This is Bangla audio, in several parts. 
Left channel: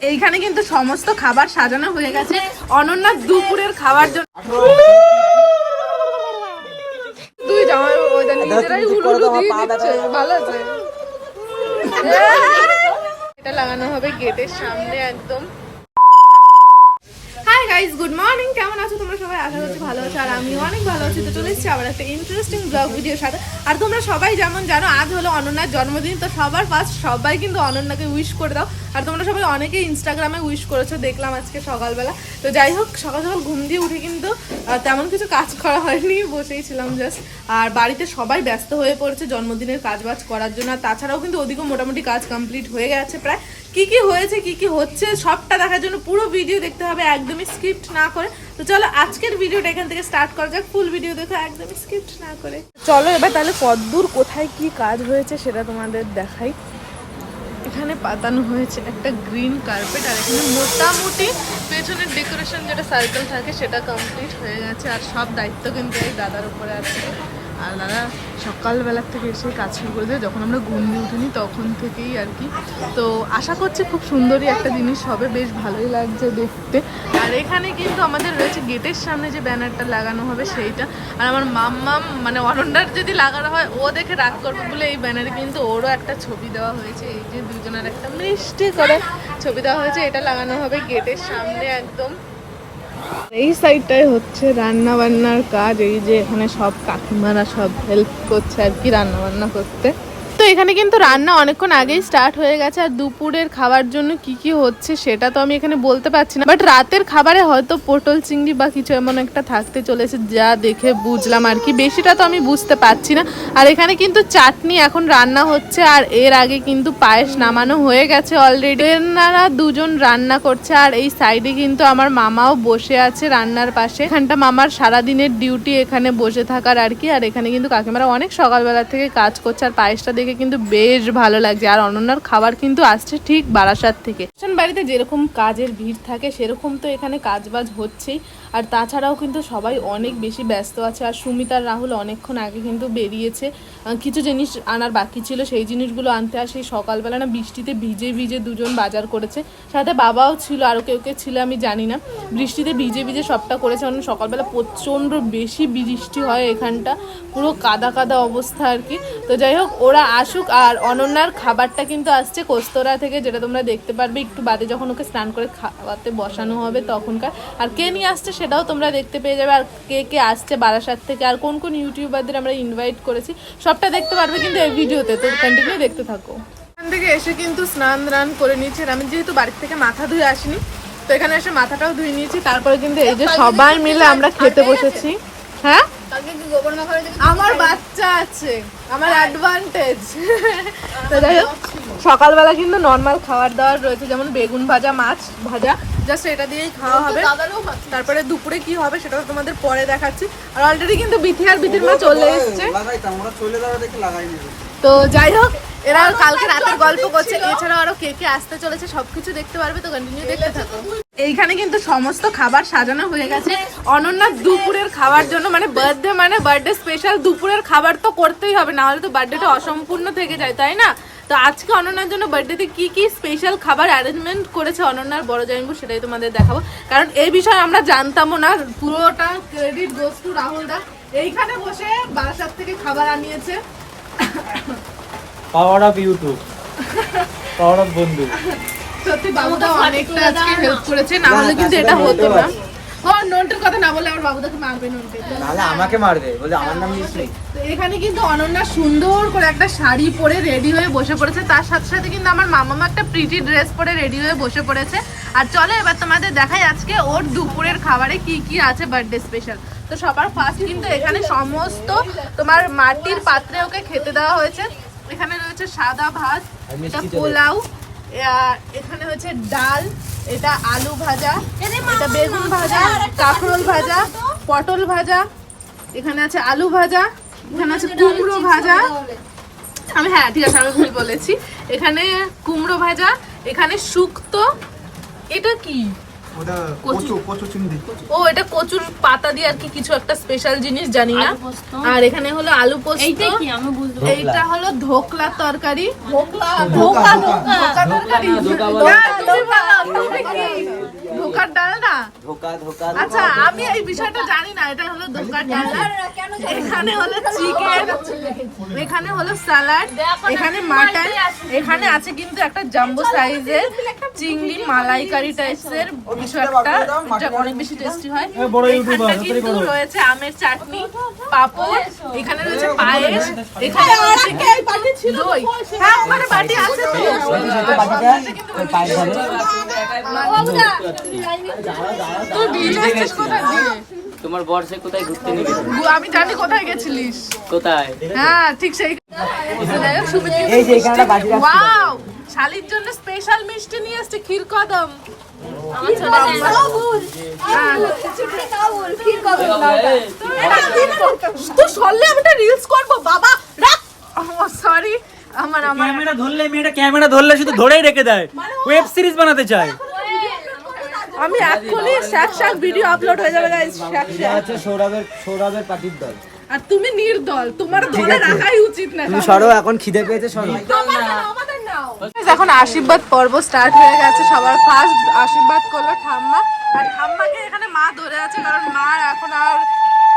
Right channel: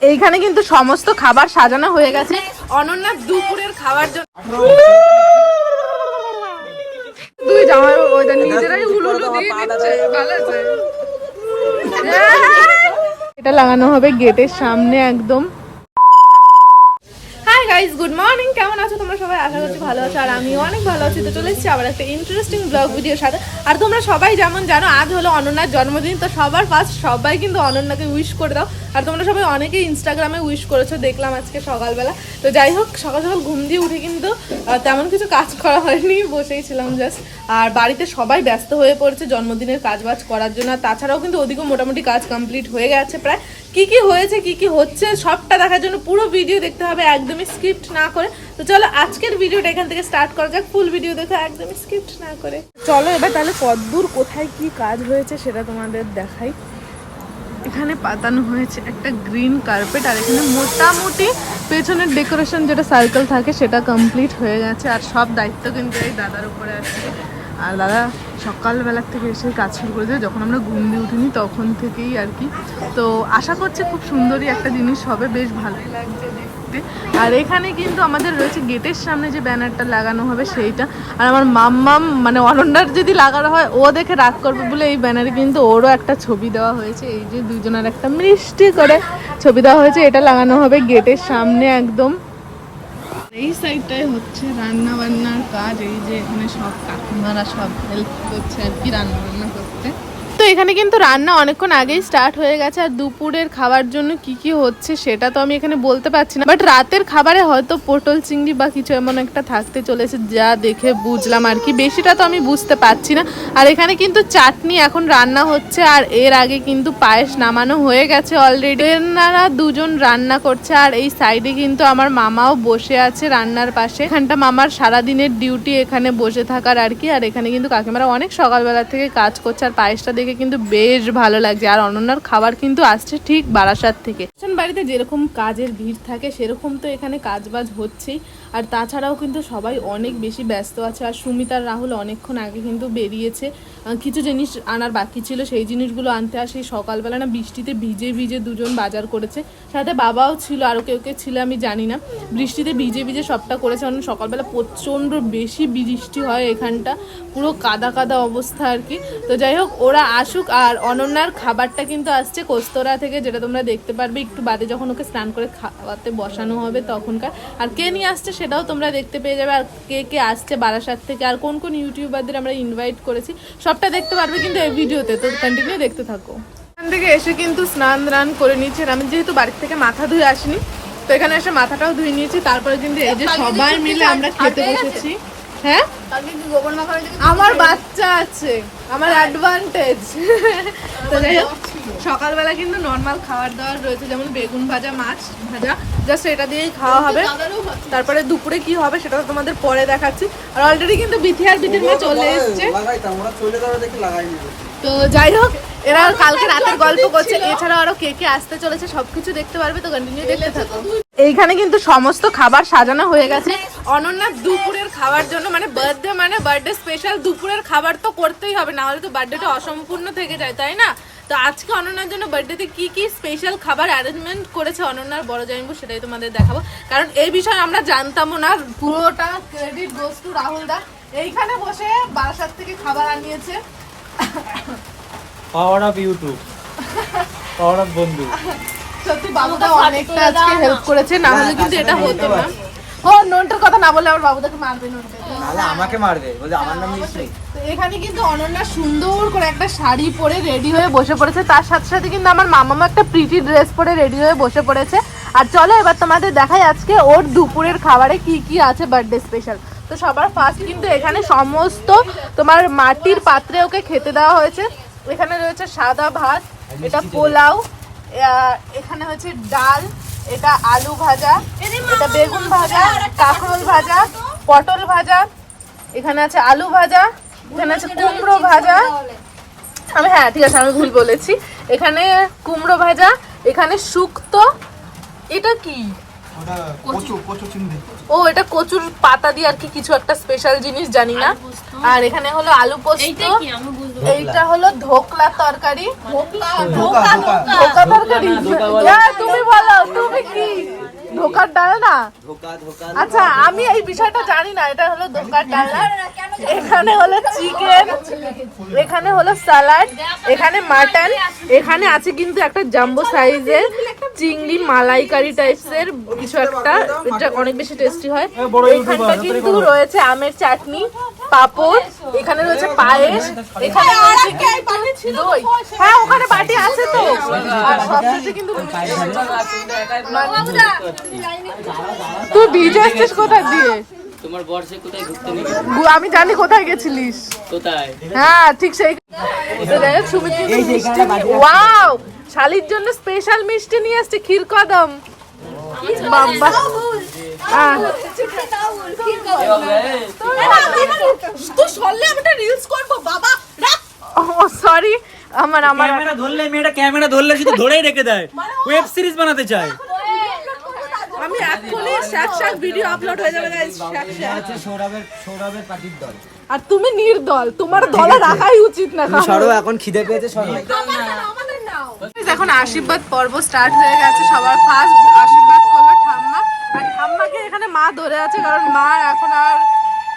এইখানে কিন্তু সমস্ত খাবার সাজানো হয়ে গেছে। অনন্যার দুপুরের খাবার জন্য দুই জামাই ওইটা নিজেরাই উলুলু দিয়ে দিচ্ছে। ভালো আছে। এটা লাগানো হবে গেটের সামনে একদম। গাইস গুড মর্নিং কেমন আছো? তোমরা সবাই? আশা করছি ভালো আছো, আর আমিও অনেক ভালো আছি। তো চলে এসেছি আবার একটা ইন্টারেস্টিং ব্লগ ভিডিওর সাথে। আর তোমরা সবাই যেমন জানো, আজ হলো অনন্যার জন্মদিন, তো সবার ফার্স্ট সবাই কিন্তু অনন্যাকে উইশ করে দাও। আর তোমরা সবাই অনেকেই ইনস্টাগ্রামে উইশ করেছ, দেখলাম আজকে সকালবেলা। তো যাই হোক, সকাল সকাল ঘুম দিয়ে উঠে কিন্তু তেমন কিছু কাজ করা হয়নি, বসেই ছিলাম জাস্ট আর বাড়িতে সবাই ব্যস্ত হয়ে পড়েছে জন্মদিনের কাজ বাজ করার জন্য। আর তাছাড়াও কিন্তু ওদিকেও মোটামুটি কাজ কমপ্লিট হয়ে গেছে প্রায়। কি কি হয়েছে, কি কি হচ্ছে, সবটা দেখার জন্য পুরো ভিডিও দেখতে হবে, একদমই স্ক্রিপ্ট না করে। তো চলো আজকের ভিডিওটা এখান থেকে স্টার্ট করা যাক ফুল ভিডিও দেখো, একদমই স্ক্রিপ্ট না করে। চলো এবার তাহলে কতদূর কোথায় কি কাজ হয়েছে সেটা তোমাদের দেখাই। এখানে পাতানো হয়েছে একটা গ্রিন কার্পেট আর এখানে মোটামুটি পেছনের ডেকোরেশন যেটা সার্কেল থাকে সেটা কমপ্লিট হয়ে গেছে, আর সব দায়িত্ব কিন্তু এই দাদার উপরে আছে। আর দাদা সকালবেলার থেকে এসে কাজ শুরু করে যখন আমরা ঘুম দিয়ে উঠিনি তখন থেকেই আর কি। তো আশা করছি খুব সুন্দরই একটা জিনিস হবে। বেশ ভালোই লাগছে দেখতে। আর এখানে কিন্তু আমাদের রয়েছে গেটের সামনে যে ব্যানারটা লাগানো হবে সেইটা। আর আমার মাম্মাম মানে অনন্যার যদি লাগানো হয়, ও দেখে রাগ করবে বলে এই ব্যানারে কিন্তু ওরও একটা ছবি দেওয়া হয়েছে। এই যে দুজনের একটা মিষ্টি করে ছবি দেওয়া হয়েছে। এটা লাগানো হবে গেটের সামনে একদম। এই সাইডটাই হচ্ছে রান্না বান্নার কাজ, এই যে এখানে সব কাকিমারা সব হেল্প করছে আর কি রান্না বান্না করতে। তো এখানে কিন্তু রান্না অনেকক্ষণ আগেই স্টার্ট হয়ে গেছে। আর দুপুরের খাবার জন্য কি কি হচ্ছে সেটা তো আমি এখানে বলতে পারছি না। বাট রাতের খাবারে হয়তো পটল চিংড়ি বা কিছু এমন একটা থাকতে চলেছে যা দেখে বুঝলাম আর কি। বেশিটা তো আমি বুঝতে পারছি না। আর এখানে কিন্তু চাটনি এখন রান্না হচ্ছে আর এর আগে কিন্তু পায়েস নামানো হয়ে গেছে অলরেডি এনারা দুজন রান্না করছে আর এই সাইডে কিন্তু আমার মামাও বসে আছে রান্নার পাশে। এখানটা মামার সারাদিনের ডিউটি এখানে বসে থাকার আর কি। আর এখানে কিন্তু কাকিমারা অনেক সকালবেলা থেকে কাজ করছে আর পায়েসটা দেখে কিন্তু বেশ ভালো লাগছে। আর অনন্যার খাবার কিন্তু আসছে ঠিক বারাসাত থেকে। বাড়িতে যেরকম কাজের ভিড় থাকে, সেরকম তো এখানে কাজবাজ হচ্ছেই। আর তাছাড়াও কিন্তু সবাই অনেক বেশি ব্যস্ত আছে। আর সুমিতার রাহুল অনেকক্ষণ আগে কিন্তু বেরিয়েছে। কিছু জিনিস আনার বাকি ছিল, সেই জিনিসগুলো আনতে আর সেই সকালবেলা না বৃষ্টিতে ভিজে ভিজে দুজন বাজার করেছে। সাথে বাবাও ছিল আরও কেউ কেউ ছিল আমি জানি না। বৃষ্টিতে ভিজে ভিজে সবটা করেছে। কারণ সকালবেলা প্রচণ্ড বেশি বৃষ্টি হয় এখানটা। পুরো কাদা কাদা অবস্থা আর কি। তো যাই হোক, ওরা আসুক, আর অনন্যার খাবারটা কিন্তু আসছে কোস্তরা থেকে, যেটা তোমরা দেখতে পারবে। একটু বাদে যখন ওকে স্নান করে খাওয়াতে বসানো হবে তখনকার। আর কে নিয়ে আসছে সেটাও তোমরা দেখতে পেয়ে যাবে। আর কে কে আসছে বারাসাত থেকে, আর কোন কোন ইউটিউবারদের আমরা ইনভাইট করেছি, সবটা দেখতে পারবে কিন্তু এই ভিডিওতে। তো কন্টিনিউ দেখতে থাকো। এখান থেকে এসে কিন্তু স্নান দান করে নিয়েছি। আমি যেহেতু বাড়ির থেকে মাথা ধুয়ে আসিনি, তো এখানে এসে মাথাটাও ধুয়ে নিয়েছি। তারপরে কিন্তু এই যে সবাই মিলে আমরা খেতে বসেছি। হ্যাঁ? আমার বাচ্চা আছে আমার অ্যাডভান্টেজ তো যাই হোক সকালবেলা কিন্তু নর্মাল খাবার দাবার রয়েছে যেমন বেগুন ভাজা মাছ ভাজা জাস্ট এটা দিয়েই খাওয়া হবে। তারপরে দুপুরে কি হবে সেটা তোমাদের পরে দেখাচ্ছি। আর অলরেডি কিন্তু বিথি আর বিথির মা চলে এসছে। লাগাইতাম ওরা চলে যাওয়া দেখে লাগাই নিবে তো যাই হোক এরা কালকে রাতের গল্প করছে। এছাড়াও আরও কে কে আসতে চলেছে, সবকিছু দেখতে পারবে, তো কন্টিনিউ দেখতে থাকো। এইখানে কিন্তু সমস্ত খাবার সাজানো হয়ে গেছে। অনন্যার দুপুরের খাবার জন্য মানে বার্থডে মানে বার্থডে স্পেশাল দুপুরের খাবার তো করতেই হবে না হলে তো বার্থডেটা অসম্পূর্ণ থেকে যায়, তাই না? তো আজকে অনন্যার জন্য বার্থডেতে কি কি স্পেশাল খাবার অ্যারেঞ্জমেন্ট করেছে অনন্যার বড় জামিবু সেটাই তোমাদের দেখাবো। কারণ এই বিষয়ে আমরা জানতামও না, পুরোটা ক্রেডিট টু রাহুল দা। এইখানে বসে বাসার থেকে খাবার আনিয়েছে। Power off YouTube power off বন্ধু সত্যি বাবুদা অনেকটা আজকে হেল্প করেছে না হলে কিন্তু এটা হতো না। ও নোনটার কথা না বলে আমার বাবুদাকে মারবে নোনটা। নাহলে আমাকে মারবে বলে আমার নাম নেই তো এখানে কিন্তু অনন্যা সুন্দর করে একটা শাড়ি পরে রেডি হয়ে বসে পড়েছে। তার সাথে সাথে কিন্তু আমার মামামা একটা প্রিটি ড্রেস পরে রেডি হয়ে বসে পড়েছে। আর চলো এবার তোমাদের দেখাই আজকে ওর দুপুরের খাবারে কি কি আছে বার্থডে স্পেশাল তো সবার ফার্স্ট কিন্তু এখানে সমস্ত তোমার মাটির পাত্রে ওকে খেতে দেওয়া হয়েছে। এখানে রয়েছে সাদা ভাত এটা পোলাও এখানে হচ্ছে ডাল এটা আলু ভাজা এটা বেগুন ভাজা কাঁকরোল ভাজা পটল ভাজা এখানে আছে আলু ভাজা এখানে আছে কুমড়ো ভাজা। আমি হ্যাঁ ঠিক আছে আমি ভুল বলেছি। এখানে কুমড়ো ভাজা এখানে শুক্তো এটা কি? ওটা কচু। কচু চিংড়ি। ও এটা কচুর পাতা দিয়ে আর কি কিছু একটা স্পেশাল জিনিস জানি না। আর এখানে হলো আলু পোস্ত। এইটা কি? আমি বুঝতে এইটা হলো ধোকলা তরকারি। ধোকলা ধোকা, ধোকা ধোকা তরকারি। হ্যাঁ, তুমি বলো তুমি কি? ধোকার ডাল না? ধোকা ধোকা আচ্ছা আমি এই বিষয়টা জানি না এটা হলো ধোকার ডাল। এখানে হলো চিকেন এখানে হলো স্যালাড এখানে মাটন এখানে আছে কিন্তু একটা জাম্বো সাইজের চিংড়ি মালাইকারি টাইপসের একটা এটা অনেক বেশি টেস্টি হয়। এখানটা কিন্তু রয়েছে আমের চাটনি পাপড় এখানে রয়েছে পায়েস এখানে রয়েছে দই। হ্যাঁ ওখানে বাটি আছে তো। তুই ভিজে এসেছিস কোথায় দিয়ে? তোমার বর্ষে কোথায় ঘুরতে নিয়ে গেছে? আমি জানি কোথায় গেছিলিস। কোথায়? হ্যাঁ ঠিক সেই এই যে এখানে ওয়াও শালির জন্য স্পেশাল মিষ্টি নিয়ে আসছে ক্ষীর কদম। তুই সরলে আমি একটা রিলস করব বাবা। রাখ। ও সরি আমার আমার। ক্যামেরা ধরলে মেয়েটা ক্যামেরা ধরলে শুধু ধরেই রেখে দেয়। ওয়েব সিরিজ বানাতে চায়। আমি এক্ষুনি শ্যাক শ্যাক ভিডিও আপলোড হয়ে যাবে গাইস শ্যাক শ্যাক হচ্ছে সৌরভের সৌরভের পার্টির দল। আর তুমি নির্দল তোমার দলে রাখাই উচিত না তুমি সরো এখন খিদে পেয়েছে সরো এখন আশীর্বাদ পর্ব স্টার্ট হয়ে গেছে সবার ফার্স্ট আশীর্বাদ করল ঠাম্মা। আর ঠাম্মাকে এখানে মা ধরে আছে কারণ মা এখন আর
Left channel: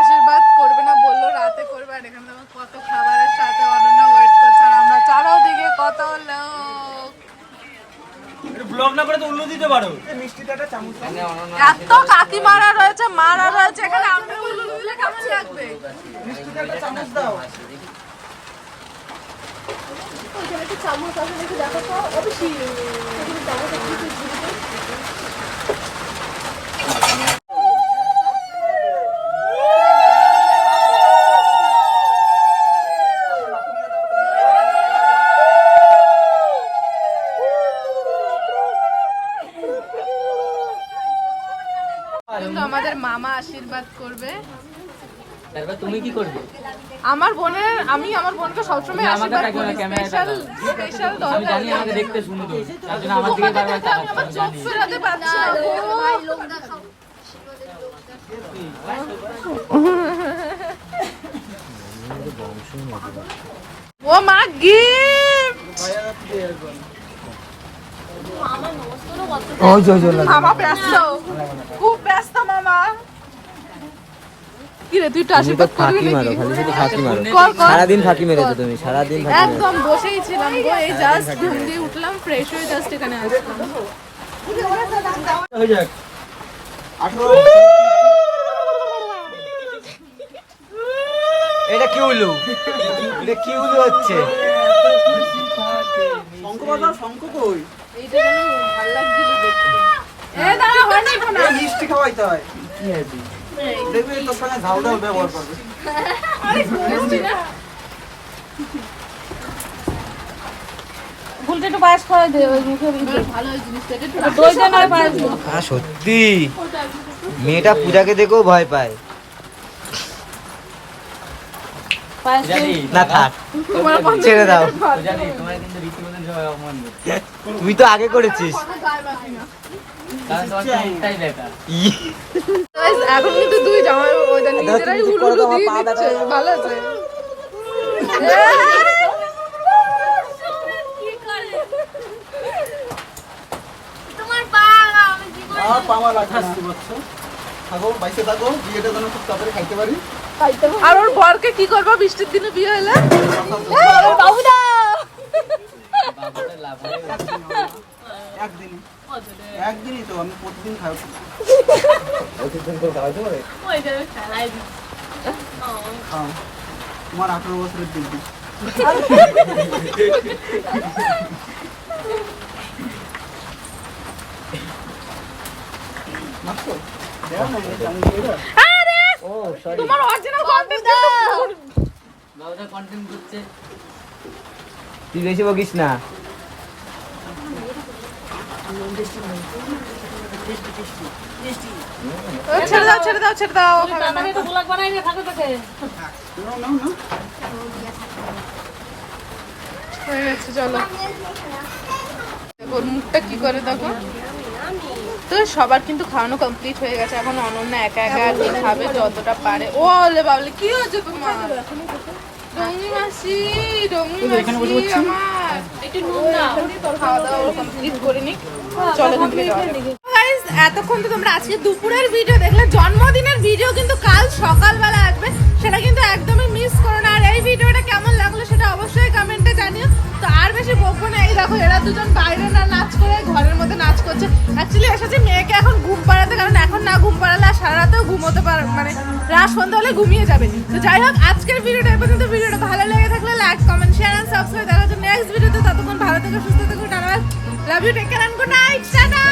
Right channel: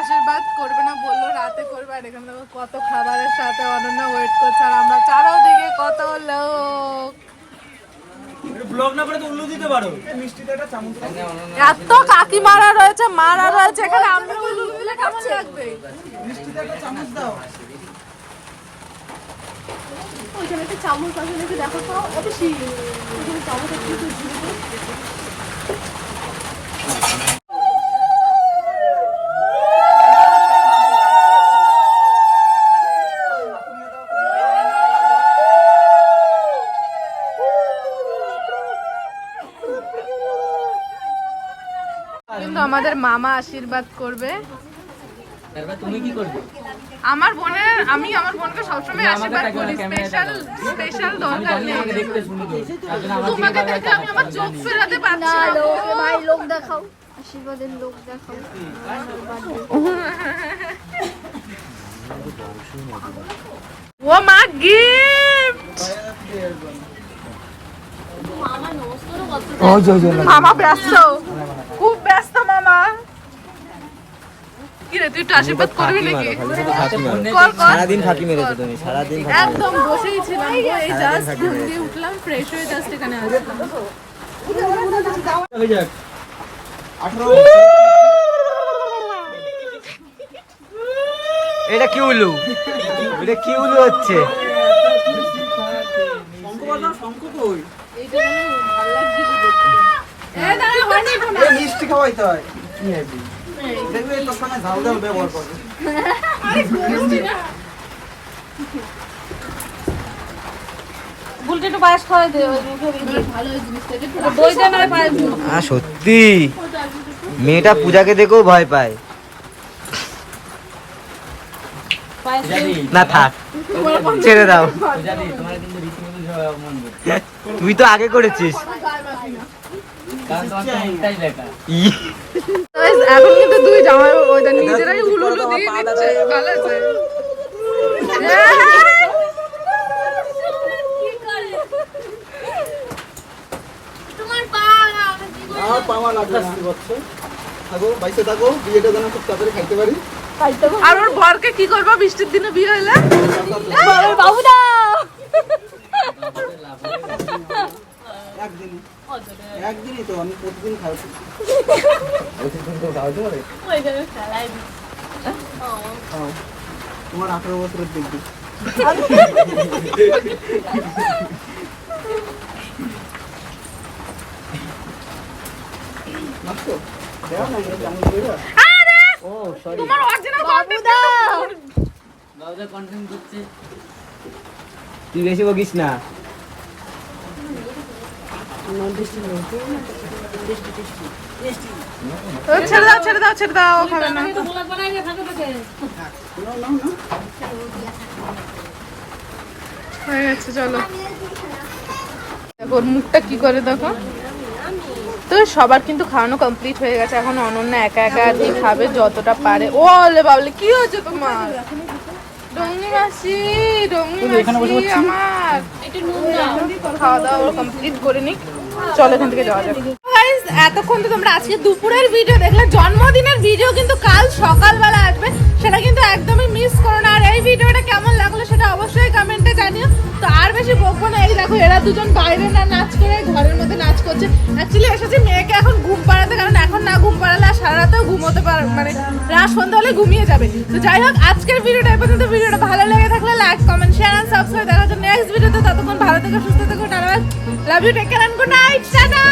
আশীর্বাদ করবে না বলল রাতে করবে। আর এখানে দেখো কত খাবারের সাথে অনন্য ওয়েট করছে আর আমরা চারোদিকে কত লোক ব্লগ না করে তো উল্লো দিতে পারো এত কাকিমারা রয়েছে মারা রয়েছে এখানে আমরা কেমন লাগবে? চামচ আছে দেখো তো? চামচ আমাদের মামা আশীর্বাদ করবে। তুমি কি করবে? আমার বোনের আমি আমার বোনকে সবসময় আশীর্বাদ করি স্পেশাল স্পেশাল দরকার দেখতে সুন্দর তোমাকে দেখে আমি আমার চোখ ফেরাতে পারছি না। গো। ও মা গিফট মামা ব্যস্ত। খুব ব্যস্ত মামা। কি রে তুই একটু আশীর্বাদ করবি নাকি? সারাদিন ফাঁকি মেরেছো তুমি সারাদিন একদম বসেই ছিলাম গো এই জাস্ট ঘুম দিয়ে উঠলাম ফ্রেশ হয়ে জাস্ট এখানে আসলাম। এটা কি উলু? এটা কি উলু হচ্ছে? এইটা যেন ভালো লাগছিল এ দাঁড়া হয়নি তো না? মিষ্টি খাওয়াইতে হয়। কি হয়েছে দেখবে তোর সঙ্গে ঝাল ঝাল ব্যবহার করবে। মিষ্টি না। ফুলটা একটু পায়েস খাওয়া দে ওই মুখের। ভালো ওই জিনিসটা একটু দই দে না পায়েস হ্যাঁ সত্যি? মেয়েটা পূজাকে দেখেও ভয় পায়। না থাক। ছেড়ে দাও। তোমার কিন্তু। তুই তো আগে করেছিস। এখন কিন্তু দুই জামাই ওইটা নিজেরাই উলুলু দিয়ে দিচ্ছে ভালো আছে? আমার পাওয়া লাগবে থাকো বাইসে থাকো বিয়েটা যেন খুব তাড়াতাড়ি খাইতে পারি। আর ওর বরকে কি করব? বৃষ্টির দিনে বিয়ে হলে একদিন একদিনই। তো আমি প্রতিদিন খাই। ওই জায়গায় ফেলাই খাও। তোমার আঠারো বছরের দেখবি দাও। তোমার অরিজিনাল কন্টেন্ট কিন্তু বাবুদা কন্টেন্ট দিচ্ছে। তুই বেশি বকিস না। ছেড়ে দাও ছেড়ে দাও ছেড়ে দাও না। হয়ে গেছে, চলো। ওর মুখটা কি করে দেখো? তো সবার কিন্তু খাওয়ানো কমপ্লিট হয়ে গেছে। এখন অনন্যা একা একা খাবে, যতটা পারে। ও বাবলে, কি হয়েছে তোমার? মাসি মাসি আমার। একটু নুন দাও। খাওয়া দাওয়া কমপ্লিট করে নিক। চলো এখান থেকে যাওয়া যাক। এতক্ষণ তো তোমরা আজকে দুপুরের ভিডিও দেখলে জন্মদিনের ভিডিও কিন্তু কাল সকালবেলা আসবে সেটা কিন্তু একদমই মিস করো না। আর এই ভিডিওটা কেমন লাগল সেটা অবশ্যই কমেন্টে জানিও। তো আর বেশি বকবো না এই দেখো এরা দুজন বাইরে না নাচ করে ঘরের মধ্যে নাচ করছে। অ্যাকচুয়ালি এসেছে মেয়েকে এখন ঘুম পাড়াতে, কারণ এখন না ঘুম পাড়ালে আর সারা রাতেও ঘুমোতে পার মানে রাত সন্ধ্যা হলে ঘুমিয়ে যাবে। তো যাই হোক, আজকের ভিডিওটা পর্যন্ত। ভিডিওটা ভালো লেগে থাকলে like comment share and subscribe দেখার জন্য নেক্সট ভিডিওতে। ততক্ষণ ভালো থেকে, সুস্থ থেকে, tata love you take care and good night tata!